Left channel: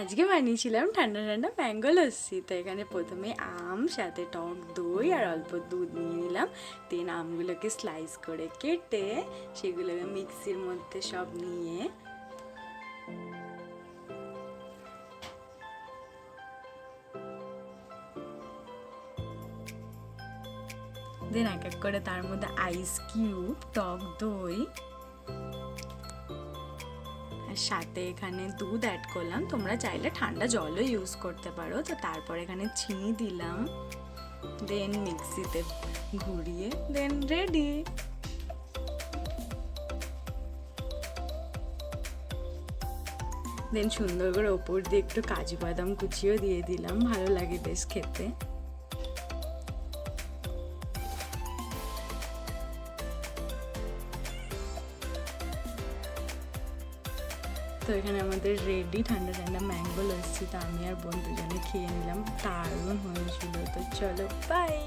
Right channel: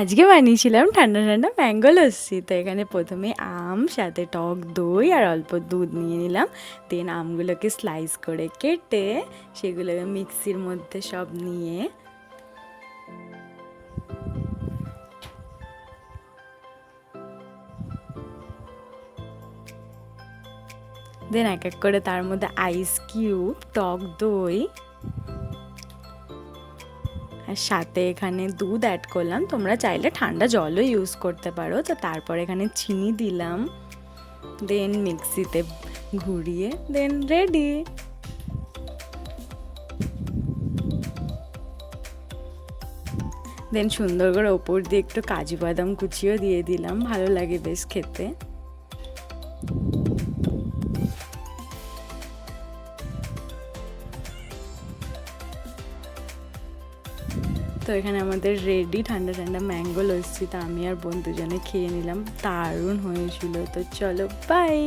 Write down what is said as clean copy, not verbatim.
আজকে বানিয়েছিলাম ঠান্ডা ঠান্ডা ম্যাঙ্গো লস্যি। তো এখানে প্রথমে আম, সাথে টক দই আর অল্প দুধ নিয়ে নিলাম। দেন আমগুলোকে স্লাইস করে কেটে সেগুলোকে মিক্সির মধ্যে সব নিয়ে দেন এক এক করে তার মধ্যে আইস কিউব, টক দই আর সাথে এখানে দুধ অ্যাড করলাম। তোমরা চাইলে ঠান্ডা জলও ইউজ করতে পারো। তো তারপর এখানে চিনি দিলাম, দেন মিক্সিতে ঘুরিয়ে দেন রেডি। দেন সুন্দর করে ওপর দিয়ে একটু কাজু বাদাম কুচিও দিয়ে দিলাম, ভালো লাগে বেশ খেতে। তো এখানে আমাদের রেডি ঠান্ডা ঠান্ডা ম্যাঙ্গো লস্যি। তো আমি আর বোন দুজনে খেয়ে নিলাম, দারুণ হয়েছিল। তো চলো বাই।